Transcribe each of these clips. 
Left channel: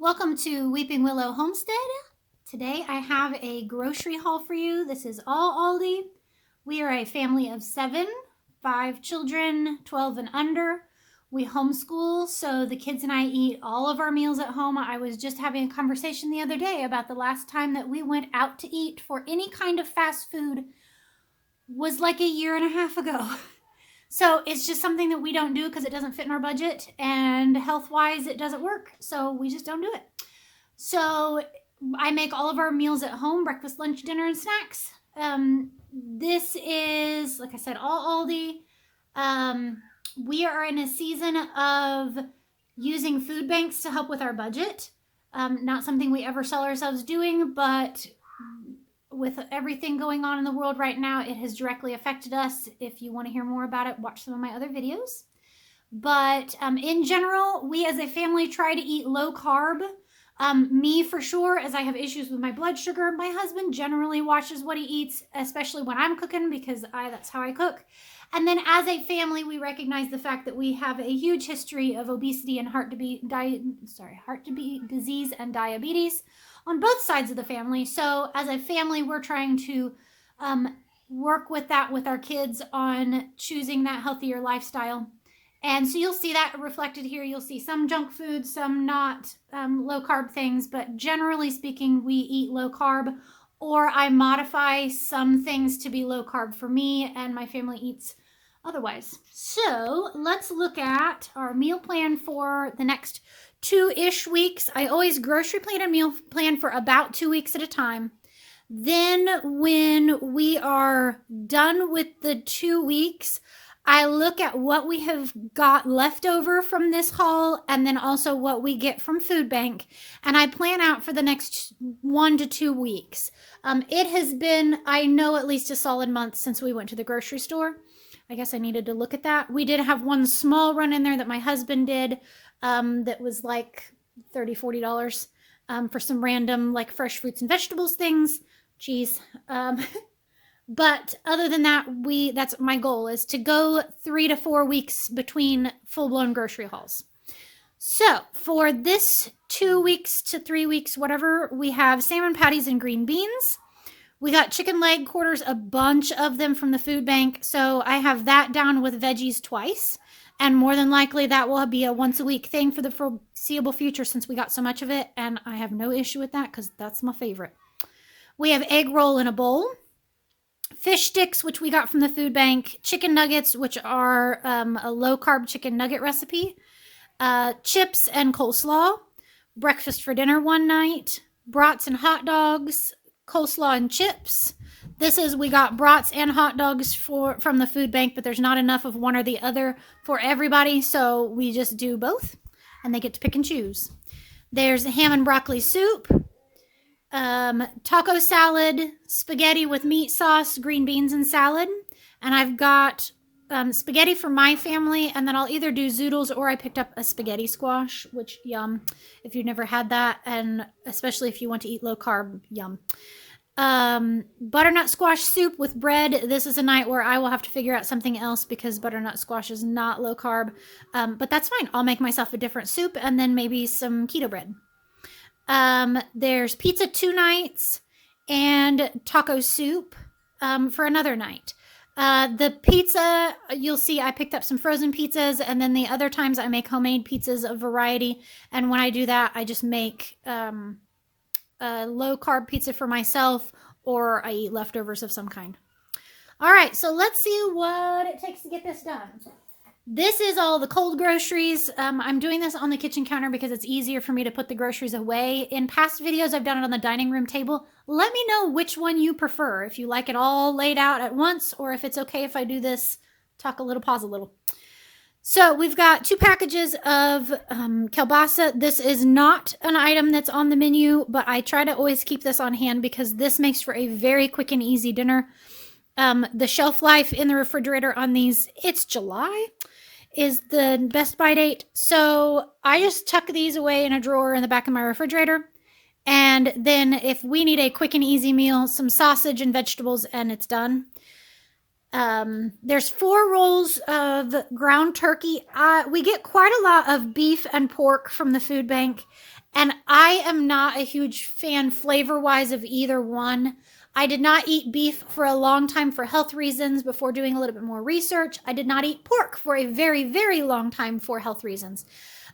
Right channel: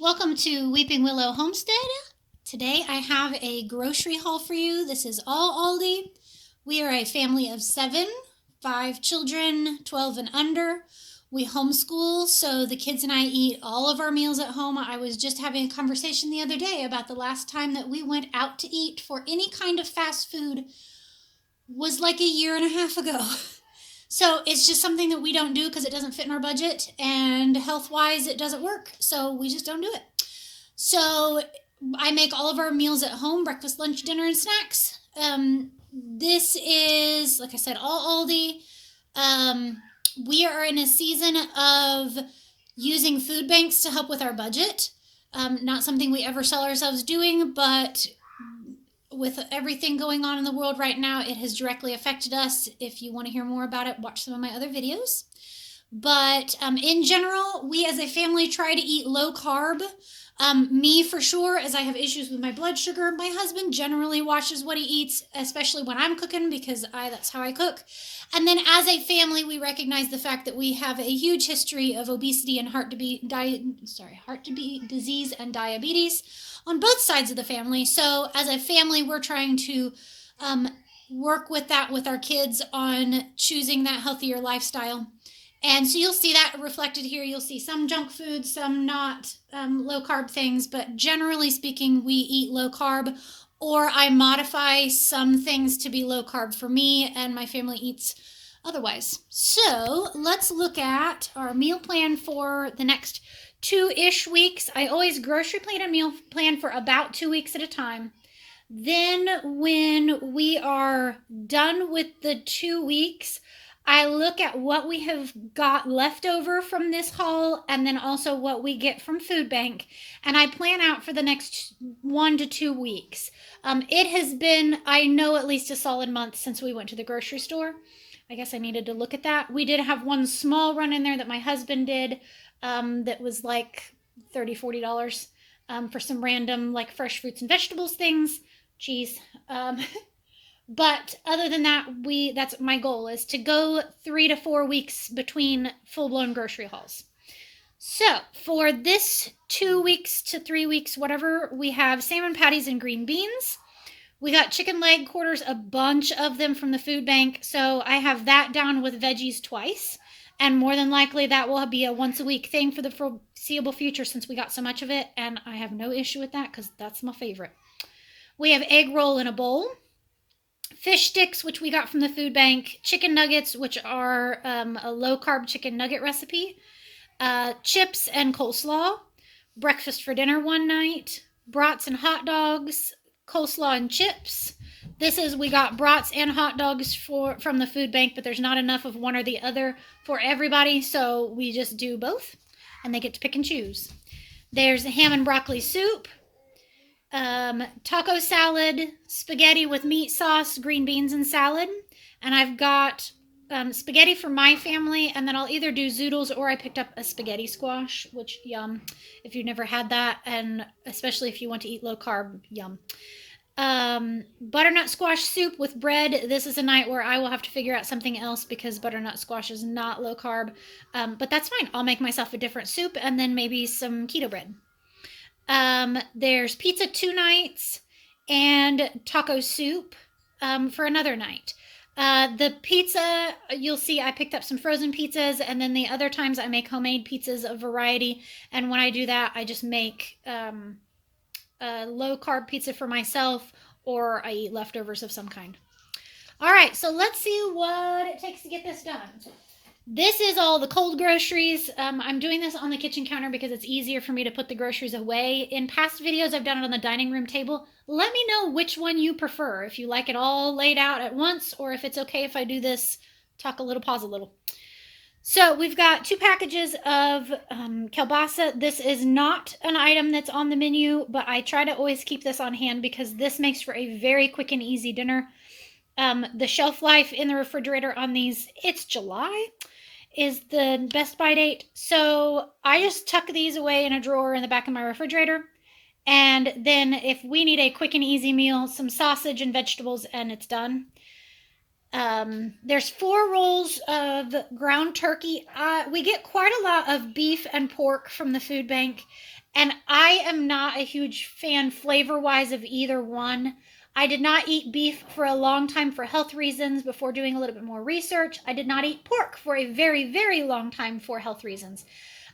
Welcome to Weeping Willow Homestead. Today I have a grocery haul for you. This is all Aldi. We are a family of seven, 5 children, 12 and under. We homeschool, so the kids and I eat all of our meals at home. I was just having a conversation the other day about the last time that we went out to eat for any kind of fast food was like a year and a half ago. So it's just something that we don't do because it doesn't fit in our budget, and health wise, it doesn't work. So we just don't do it. So I make all of our meals at home: breakfast, lunch, dinner, and snacks. This is, like I said, all Aldi. We are in a season of using food banks to help with our budget. Not something we ever sell ourselves doing, but with everything going on in the world right now, it has directly affected us. If you want to hear more about it, watch some of my other videos. But in general, we as a family try to eat low carb. Me for sure, as I have issues with my blood sugar. My husband generally watches what he eats, especially when I'm cooking, because that's how I cook. And then as a family, we recognize the fact that we have a huge history of obesity and heart disease and diabetes on both sides of the family. So as a family, we're trying to work with that with our kids on choosing that healthier lifestyle. And so you'll see that reflected here. You'll see some junk food, some not low carb things, but generally speaking, we eat low carb, or I modify some things to be low carb for me, and my family eats otherwise. So let's look at our meal plan for the next 2-ish weeks. I always grocery plan a meal plan for about 2 weeks at a time. Then when we are done with the 2 weeks, I look at what we have got left over from this haul, and then also what we get from Food Bank, and I plan out for the next 1 to 2 weeks. It has been, I know, at least a solid month since we went to the grocery store. I guess I needed to look at that. We did have one small run in there that my husband did that was like $30-$40 for some random like fresh fruits and vegetables things. Jeez. But other than that, that's my goal, is to go 3 to 4 weeks between full-blown grocery hauls. So for this 2 weeks to 3 weeks, whatever, we have salmon patties and green beans. We got chicken leg quarters, a bunch of them from the food bank. So I have that down with veggies twice. And more than likely that will be a once a week thing for the foreseeable future, since we got so much of it. And I have no issue with that because that's my favorite. We have egg roll in a bowl. Fish sticks, which we got from the food bank. Chicken nuggets, which are a low-carb chicken nugget recipe. Chips and coleslaw. Breakfast for dinner one night. Brats and hot dogs. Coleslaw and chips. We got brats and hot dogs from the food bank, but there's not enough of one or the other for everybody, so we just do both, and they get to pick and choose. There's a ham and broccoli soup. Taco salad, spaghetti with meat sauce, green beans, and salad. And I've got spaghetti for my family, and then I'll either do zoodles or I picked up a spaghetti squash, which, yum, if you've never had that, and especially if you want to eat low carb, yum. Butternut squash soup with bread. This is a night where I will have to figure out something else because butternut squash is not low carb, but that's fine. I'll make myself a different soup and then maybe some keto bread. There's pizza 2 nights and taco soup for another night. The pizza, you'll see I picked up some frozen pizzas, and then the other times I make homemade pizzas of variety, and when I do that, I just make a low-carb pizza for myself, or I eat leftovers of some kind. All right, so let's see what it takes to get this done. This is all the cold groceries. I'm doing this on the kitchen counter because it's easier for me to put the groceries away. In past videos, I've done it on the dining room table. Let me know which one you prefer, if you like it all laid out at once, or if it's okay if I do this, talk a little, pause a little. So we've got 2 packages of kielbasa. This is not an item that's on the menu, but I try to always keep this on hand because this makes for a very quick and easy dinner. The shelf life in the refrigerator on these, it's July, is the best buy date. So I just tuck these away in a drawer in the back of my refrigerator. And then if we need a quick and easy meal, some sausage and vegetables, and it's done. There's 4 rolls of ground turkey. We get quite a lot of beef and pork from the food bank, And I am not a huge fan flavor-wise of either one. I did not eat beef for a long time for health reasons before doing a little bit more research. I did not eat pork for a very, very long time for health reasons.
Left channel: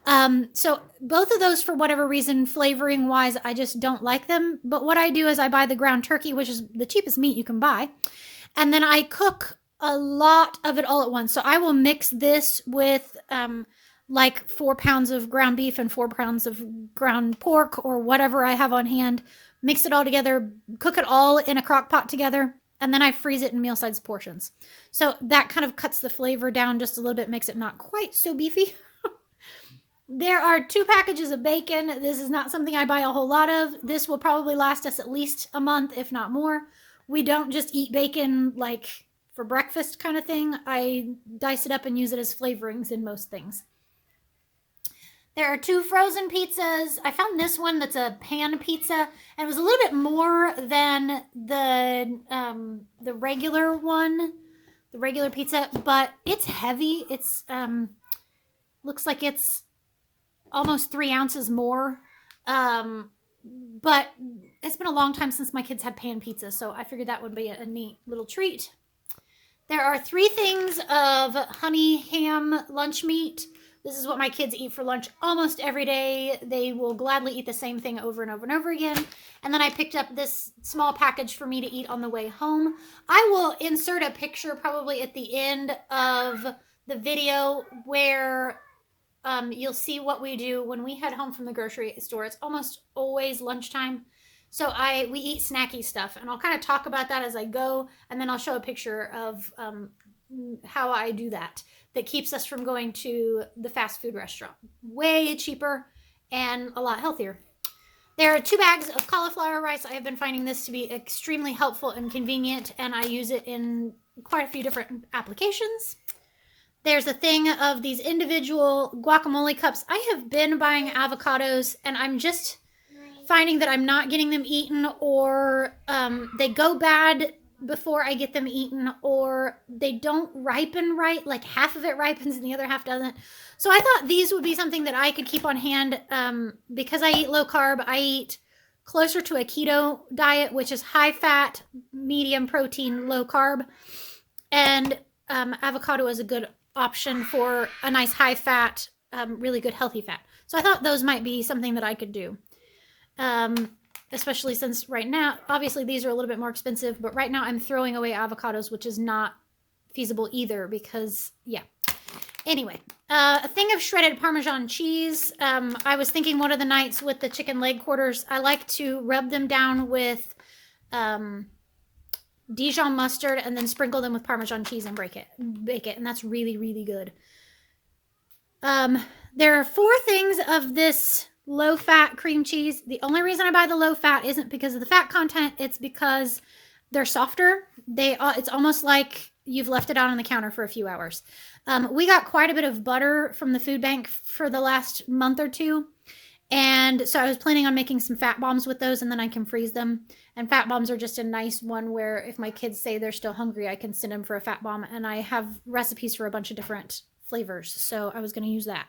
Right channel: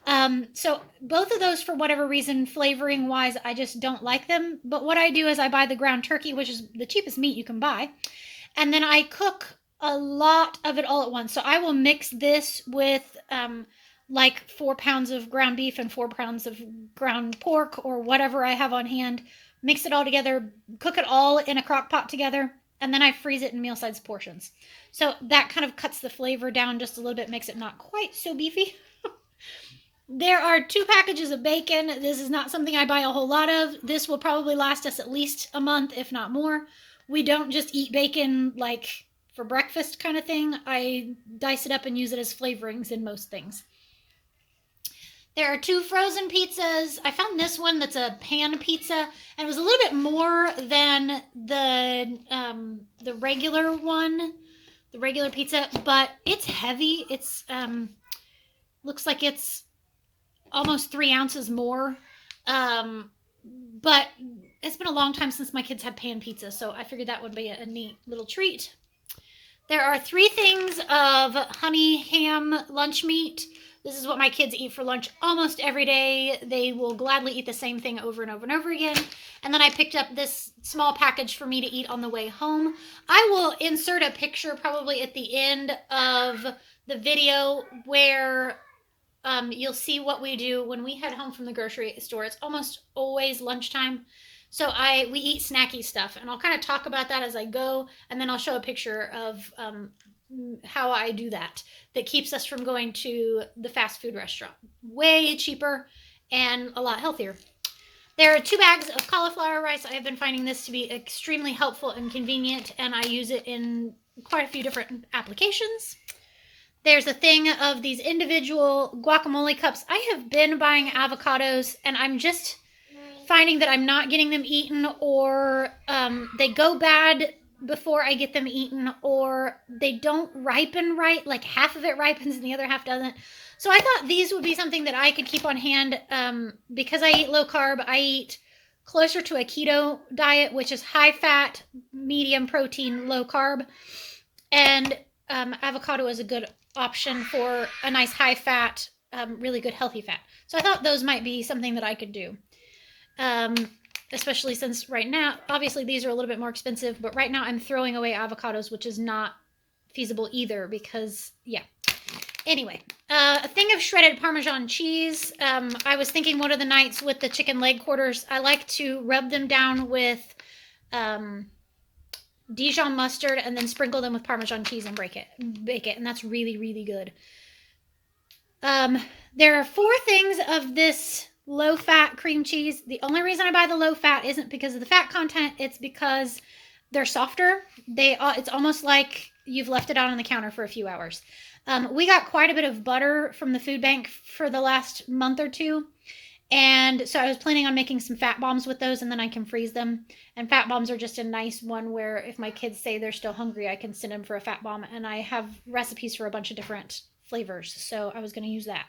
So both of those, for whatever reason, flavoring wise, I just don't like them. But what I do is I buy the ground turkey, which is the cheapest meat you can buy. And then I cook a lot of it all at once. So I will mix this with like 4 pounds of ground beef and 4 pounds of ground pork or whatever I have on hand. Mix it all together, cook it all in a crock pot together, and then I freeze it in meal size portions. So that kind of cuts the flavor down just a little bit, makes it not quite so beefy. There are 2 packages of bacon. This is not something I buy a whole lot of. This will probably last us at least a month, if not more. We don't just eat bacon like for breakfast kind of thing. I dice it up and use it as flavorings in most things. There are 2 frozen pizzas. I found this one that's a pan pizza, and it was a little bit more than the regular one, the regular pizza, but it's heavy. It's looks like it's almost 3 ounces more. But it's been a long time since my kids had pan pizza, so I figured that would be a neat little treat. There are 3 things of honey ham lunch meat. This is what my kids eat for lunch almost every day. They will gladly eat the same thing over and over and over again. And then I picked up this small package for me to eat on the way home. I will insert a picture probably at the end of the video where you'll see what we do when we head home from the grocery store. It's almost always lunchtime. So we eat snacky stuff, and I'll kind of talk about that as I go, and then I'll show a picture of how I do that keeps us from going to the fast food restaurant. Way cheaper and a lot healthier. There are 2 bags of cauliflower rice. I have been finding this to be extremely helpful and convenient, and I use it in quite a few different applications. There's a thing of these individual guacamole cups. I have been buying avocados, and I'm just finding that I'm not getting them eaten, or they go bad before I get them eaten, or they don't ripen right. Like half of it ripens and the other half doesn't. So I thought these would be something that I could keep on hand because I eat low carb. I eat closer to a keto diet, which is high fat, medium protein, low carb. And avocado is a good option for a nice high fat, really good healthy fat. So I thought those might be something that I could do. Especially since right now, obviously these are a little bit more expensive, but right now I'm throwing away avocados, which is not feasible either because, yeah. Anyway, a thing of shredded Parmesan cheese. I was thinking one of the nights with the chicken leg quarters, I like to rub them down with Dijon mustard and then sprinkle them with Parmesan cheese and bake it, and that's really, really good. There are 4 things of this low-fat cream cheese. The only reason I buy the low-fat isn't because of the fat content. It's because they're softer. It's almost like you've left it out on the counter for a few hours. We got quite a bit of butter from the food bank for the last month or 2. And so I was planning on making some fat bombs with those, and then I can freeze them. And fat bombs are just a nice one where if my kids say they're still hungry, I can send them for a fat bomb. And I have recipes for a bunch of different flavors. So I was going to use that.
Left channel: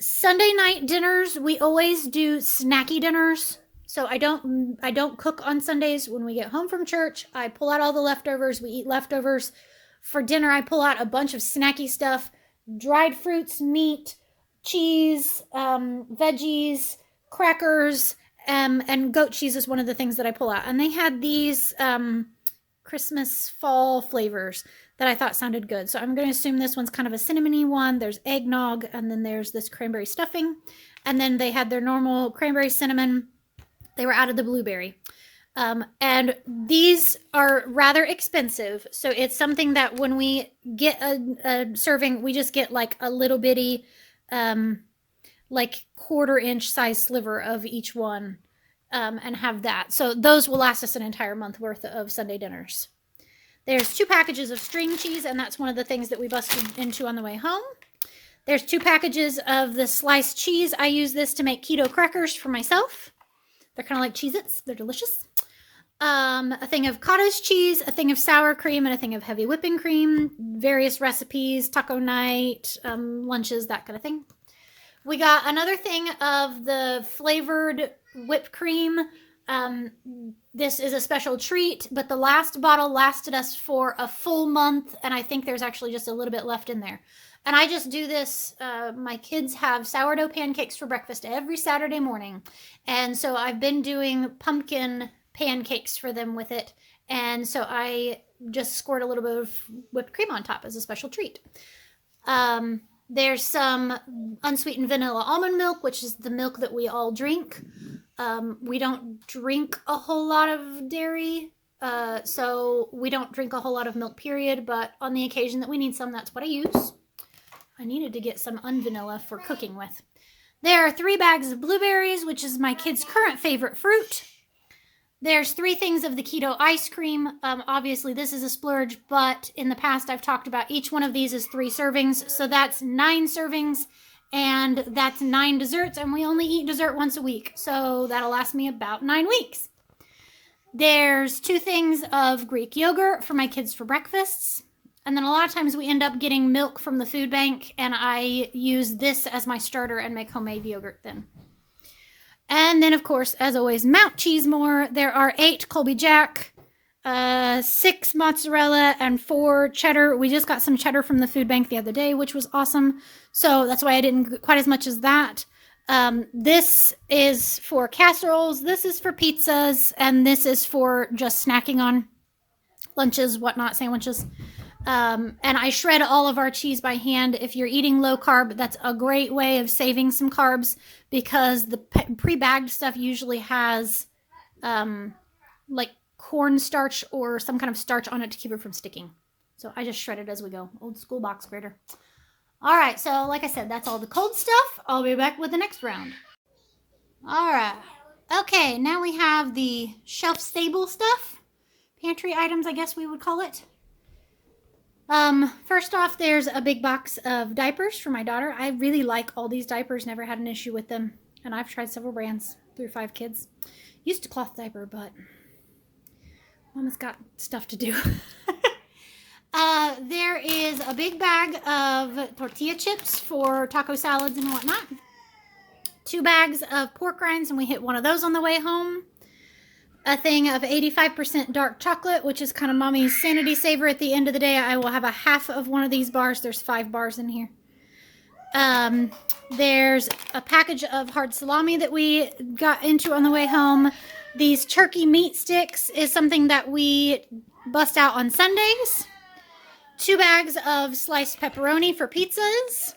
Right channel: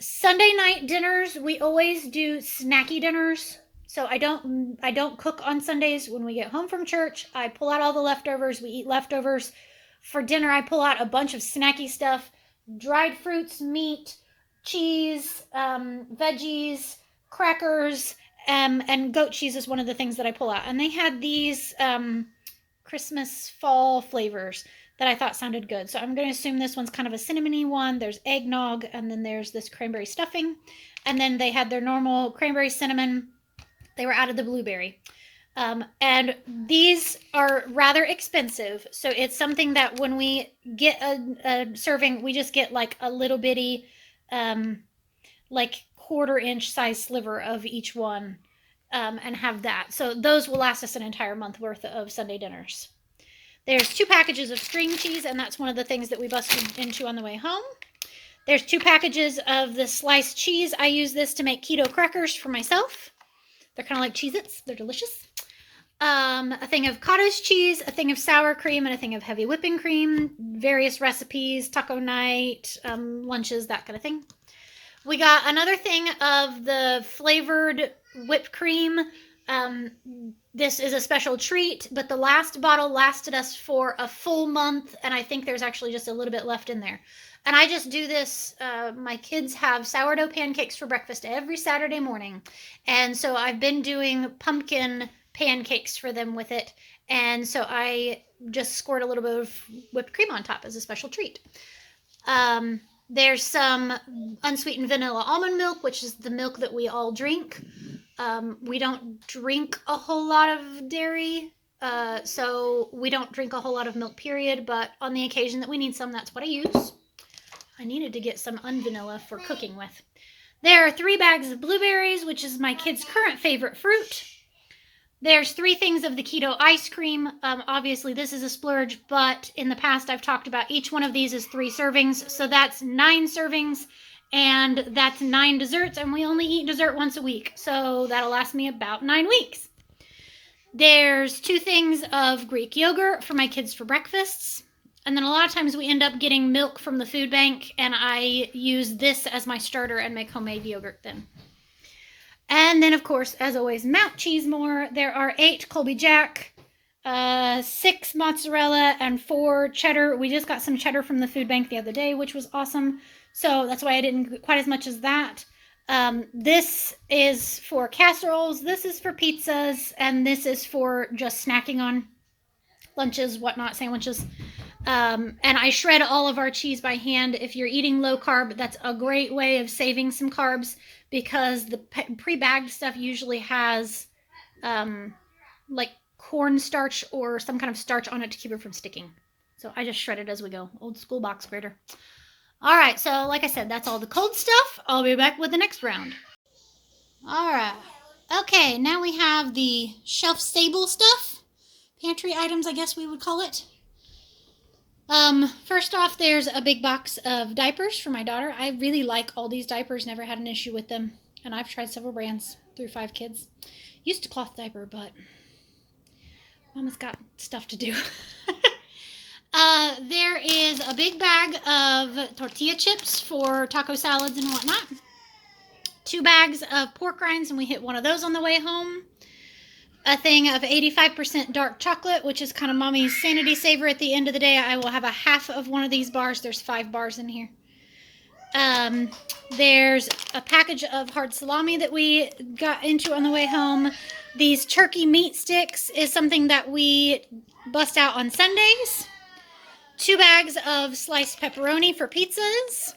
Sunday night dinners, we always do snacky dinners. So I don't cook on Sundays. When we get home from church, I pull out all the leftovers. We eat leftovers. For dinner, I pull out a bunch of snacky stuff, dried fruits, meat, cheese, veggies, crackers, and goat cheese is one of the things that I pull out. And they had these Christmas fall flavors that I thought sounded good. So I'm going to assume this one's kind of a cinnamony one. There's eggnog, and then there's this cranberry stuffing. And then they had their normal cranberry cinnamon. They were out of the blueberry. And these are rather expensive. So it's something that when we get a serving, we just get like a little bitty, like 1/4 inch size sliver of each one, and have that. So those will last us an entire month worth of Sunday dinners. There's 2 packages of string cheese, and that's one of the things that we busted into on the way home. There's 2 packages of the sliced cheese. I use this to make keto crackers for myself. They're kind of like Cheez-Its. They're delicious. A thing of cottage cheese, a thing of sour cream, and a thing of heavy whipping cream. Various recipes, taco night, lunches, that kind of thing. We got another thing of the flavored whipped cream. This is a special treat, but the last bottle lasted us for a full month, and I think there's actually just a little bit left in there. And I just do this. My kids have sourdough pancakes for breakfast every Saturday morning. And so I've been doing pumpkin pancakes for them with it. And so I just squirt a little bit of whipped cream on top as a special treat. There's some unsweetened vanilla almond milk, which is the milk that we all drink. We don't drink a whole lot of dairy, so we don't drink a whole lot of milk, period. But on the occasion that we need some, that's what I use. I needed to get some unvanilla for cooking with. There are 3 bags of blueberries, which is my kids' current favorite fruit. There's 3 things of the keto ice cream. Obviously, this is a splurge, but in the past, I've talked about each one of these is 3 servings. So that's 9 servings, and that's 9 desserts, and we only eat dessert once a week. So that'll last me about 9 weeks. There's 2 things of Greek yogurt for my kids for breakfasts. And then a lot of times we end up getting milk from the food bank, and I use this as my starter and make homemade yogurt then. And then, of course, as always, Mount Cheesemore. There are 8 Colby Jack, 6 mozzarella, and 4 cheddar. We just got some cheddar from the food bank the other day, which was awesome. So that's why I didn't get quite as much as that. This is for casseroles, this is for pizzas, and this is for just snacking on lunches, whatnot, sandwiches. And I shred all of our cheese by hand. If you're eating low carb, that's a great way of saving some carbs, because the pre-bagged stuff usually has like cornstarch or some kind of starch on it to keep it from sticking. So I just shred it as we go. Old school box grater. All right, so like I said, that's all the cold stuff. I'll be back with the next round. All right. Okay, now we have the shelf-stable stuff. Pantry items, I guess we would call it. First off, there's a big box of diapers for my daughter. I really like all these diapers, never had an issue with them. And I've tried several brands through 5 kids. Used to cloth diaper, but Mama's got stuff to do. There is a big bag of tortilla chips for taco salads and whatnot. 2 bags of pork rinds, and we hit one of those on the way home. A thing of 85% dark chocolate, which is kind of Mommy's sanity saver at the end of the day. I will have a half of one of these bars. There's 5 bars in here. There's a package of hard salami that we got into on the way home. These turkey meat sticks is something that we bust out on Sundays. 2 bags of sliced pepperoni for pizzas.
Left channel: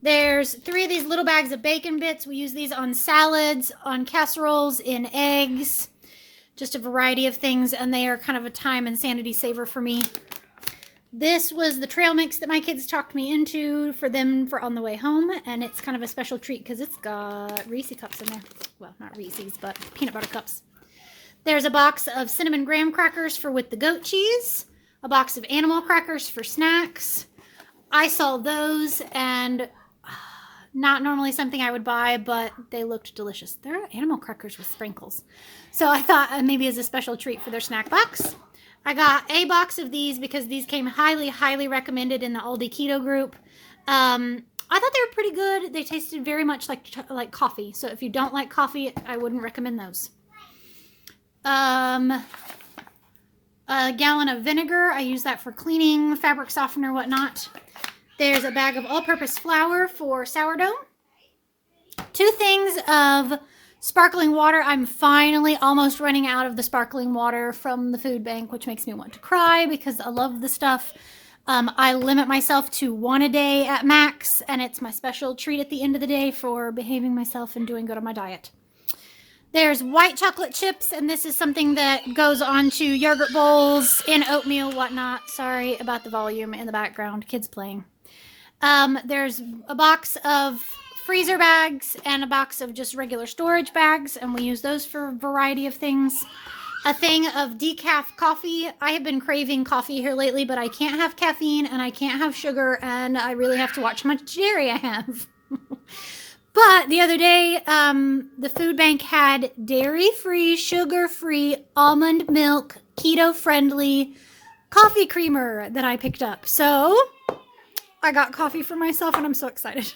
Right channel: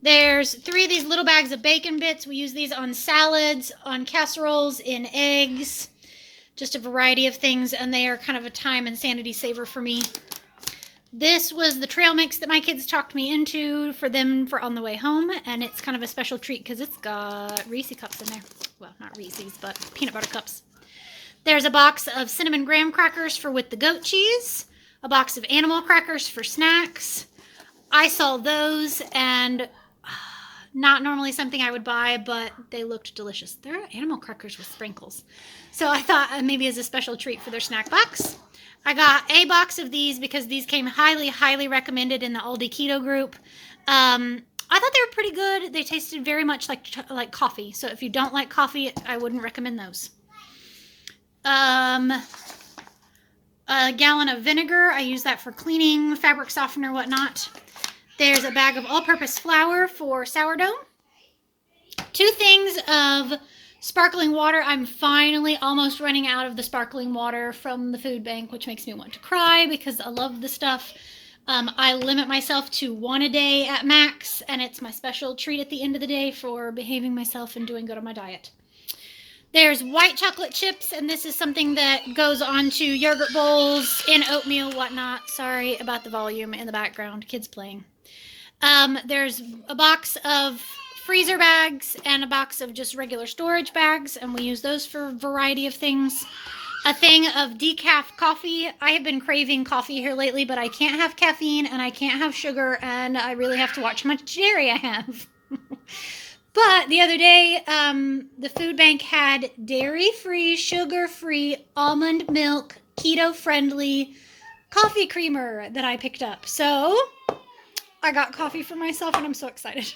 There's 3 of these little bags of bacon bits. We use these on salads, on casseroles, in eggs, just a variety of things, and they are kind of a time and sanity saver for me. This was the trail mix that my kids talked me into for them for on the way home, and it's kind of a special treat because it's got Reese cups in there. Well, not Reese's, but peanut butter cups. There's a box of cinnamon graham crackers for with the goat cheese, a box of animal crackers for snacks. I saw those, and not normally something I would buy, but they looked delicious. They're animal crackers with sprinkles. So I thought maybe as a special treat for their snack box. I got a box of these because these came highly, highly recommended in the Aldi Keto group. I thought they were pretty good. They tasted very much like coffee. So if you don't like coffee, I wouldn't recommend those. A gallon of vinegar. I use that for cleaning, fabric softener, whatnot. There's a bag of all-purpose flour for sourdough. 2 things of sparkling water. I'm finally almost running out of the sparkling water from the food bank, which makes me want to cry because I love the stuff. I limit myself to 1 a day at max, and it's my special treat at the end of the day for behaving myself and doing good on my diet. There's white chocolate chips, and this is something that goes onto yogurt bowls, in oatmeal, whatnot. Sorry about the volume in the background. Kids playing. There's a box of freezer bags and a box of just regular storage bags, and we use those for a variety of things. A thing of decaf coffee. I have been craving coffee here lately, but I can't have caffeine and I can't have sugar, and I really have to watch how much dairy I have. But the other day, the food bank had dairy-free, sugar-free, almond milk, keto-friendly coffee creamer that I picked up. So I got coffee for myself, and I'm so excited.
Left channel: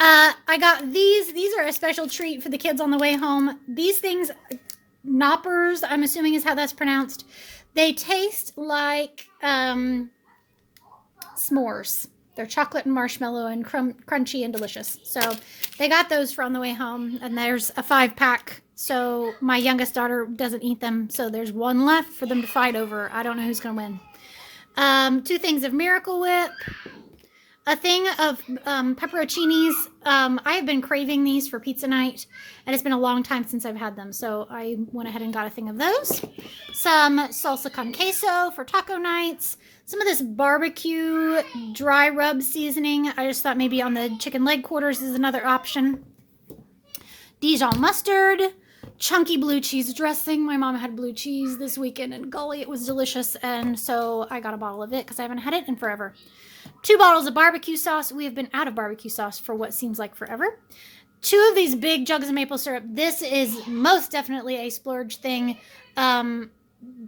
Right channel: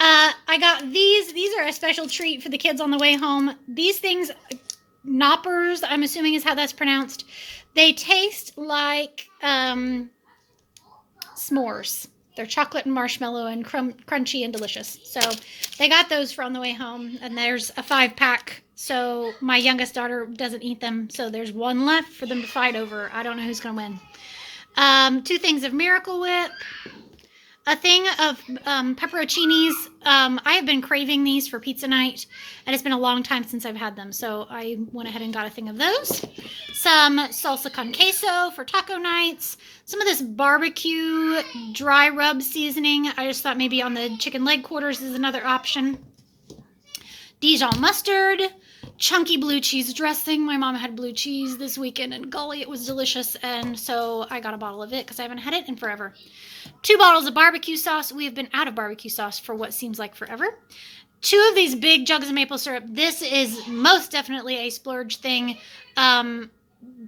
I got these. These are a special treat for the kids on the way home. These things, knoppers, I'm assuming is how that's pronounced. They taste like s'mores. They're chocolate and marshmallow and crunchy and delicious. So they got those for on the way home. And there's a 5-pack. So my youngest daughter doesn't eat them. So there's one left for them to fight over. I don't know who's going to win. 2 things of Miracle Whip. A thing of pepperoncinis. I have been craving these for pizza night, and it's been a long time since I've had them, so I went ahead and got a thing of those. Some salsa con queso for taco nights. Some of this barbecue dry rub seasoning. I just thought maybe on the chicken leg quarters is another option. Dijon mustard. Chunky blue cheese dressing. My mom had blue cheese this weekend, and golly, it was delicious, and so I got a bottle of it because I haven't had it in forever. 2 bottles of barbecue sauce. We have been out of barbecue sauce for what seems like forever. 2 of these big jugs of maple syrup. This is most definitely a splurge thing.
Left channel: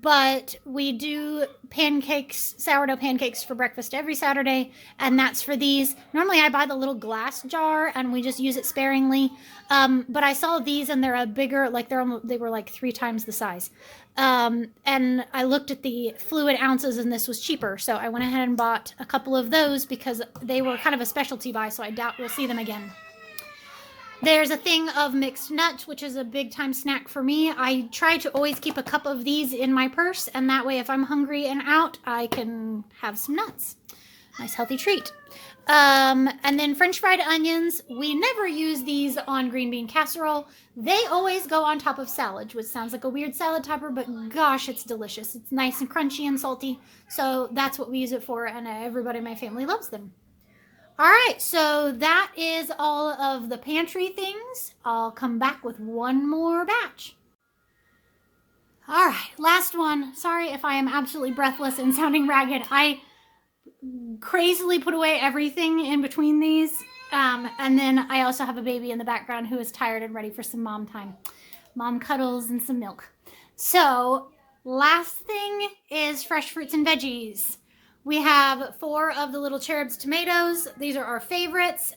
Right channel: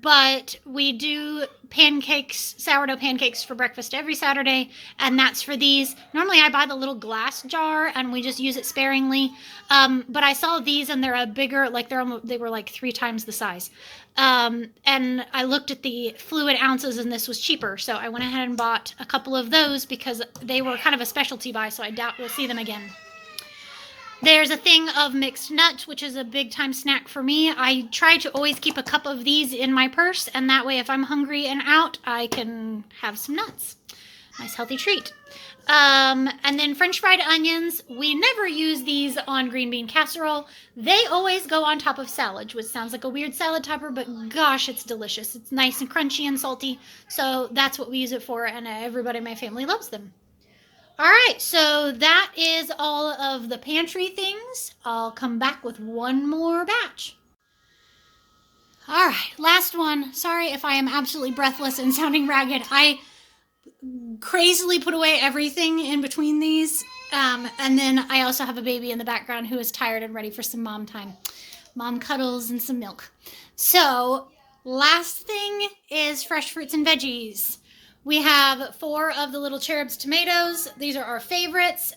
But we do pancakes, sourdough pancakes for breakfast every Saturday, and that's for these. Normally I buy the little glass jar and we just use it sparingly. But I saw these and they're a bigger, like they were like 3 times the size. And I looked at the fluid ounces and this was cheaper. So I went ahead and bought a couple of those because they were kind of a specialty buy, so I doubt we'll see them again. There's a thing of mixed nuts, which is a big time snack for me. I try to always keep a cup of these in my purse, and that way if I'm hungry and out, I can have some nuts. Nice healthy treat. And then French fried onions. We never use these on green bean casserole. They always go on top of salad, which sounds like a weird salad topper, but gosh, it's delicious. It's nice and crunchy and salty. So that's what we use it for, and everybody in my family loves them. All right, so that is all of the pantry things. I'll come back with one more batch. All right, last one. Sorry if I am absolutely breathless and sounding ragged. I crazily put away everything in between these. And then I also have a baby in the background who is tired and ready for some mom time. Mom cuddles and some milk. So last thing is fresh fruits and veggies. We have 4 of the little cherubs tomatoes. These are our favorites.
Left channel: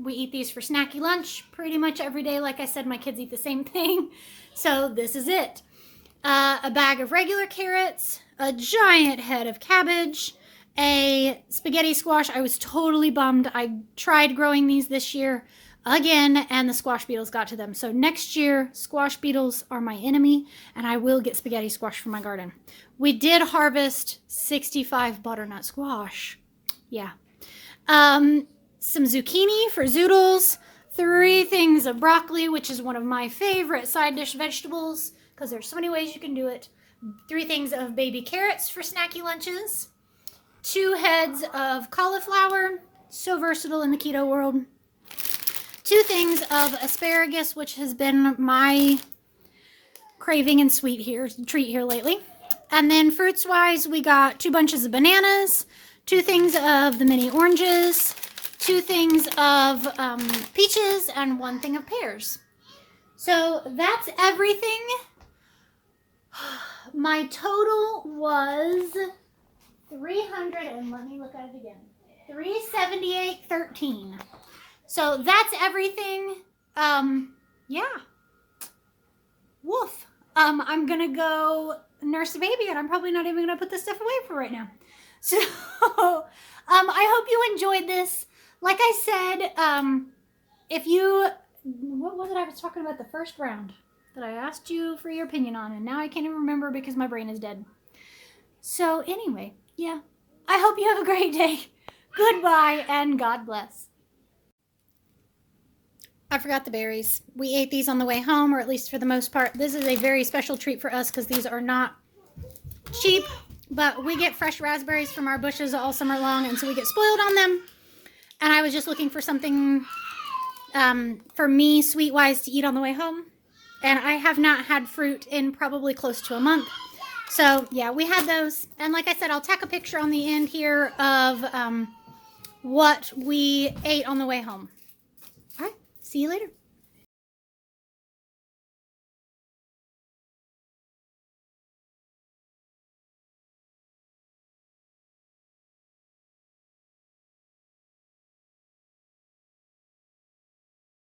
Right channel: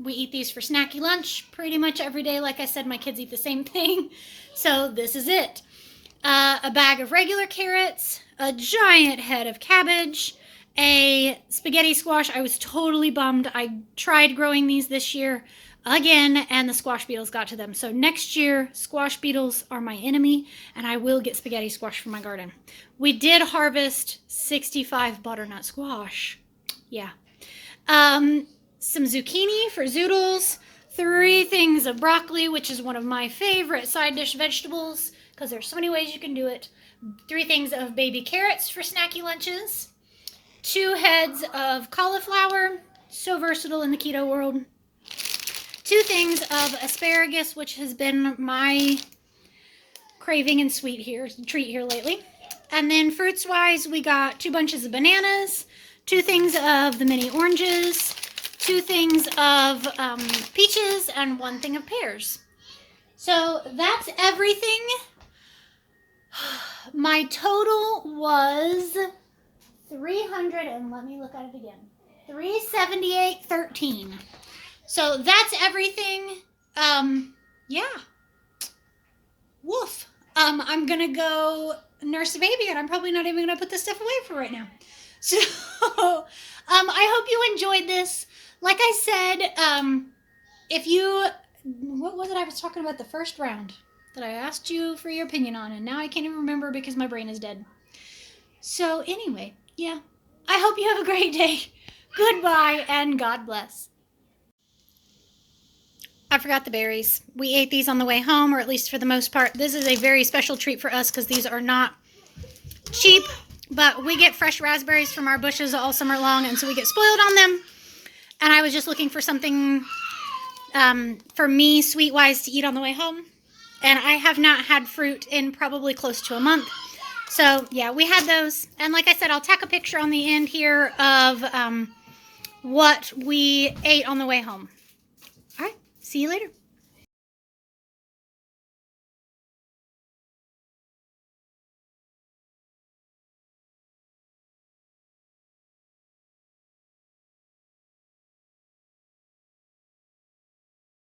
We eat these for snacky lunch pretty much every day. Like I said, my kids eat the same thing. So this is it. A bag of regular carrots, a giant head of cabbage, a spaghetti squash. I was totally bummed. I tried growing these this year again, and the squash beetles got to them. So next year, squash beetles are my enemy, and I will get spaghetti squash from my garden. We did harvest 65 butternut squash. Yeah. Some zucchini for zoodles. 3 things of broccoli, which is one of my favorite side dish vegetables because there's so many ways you can do it. 3 things of baby carrots for snacky lunches. 2 heads of cauliflower. So versatile in the keto world. 2 things of asparagus, which has been my craving and treat here lately. And then fruits-wise, we got 2 bunches of bananas, 2 things of the mini oranges, 2 things of peaches, and 1 thing of pears. So that's everything. My total was 300, and let me look at it again. 378.13. So that's everything. Yeah. Woof. I'm gonna go nurse a baby, and I'm probably not even gonna put this stuff away for right now. So I hope you enjoyed this. Like I said, if you, what was it I was talking about the first round that I asked you for your opinion on, and now I can't even remember because my brain is dead. So anyway, yeah, I hope you have a great day. Goodbye, and God bless. I forgot the berries. We ate these on the way home, or at least for the most part. This is a very special treat for us because these are not cheap, but we get fresh raspberries from our bushes all summer long, and so we get spoiled on them. And I was just looking for something for me, sweet-wise, to eat on the way home. And I have not had fruit in probably close to a month. So, yeah, we had those. And like I said, I'll tack a picture on the end here of what we ate on the way home. All right. See you later.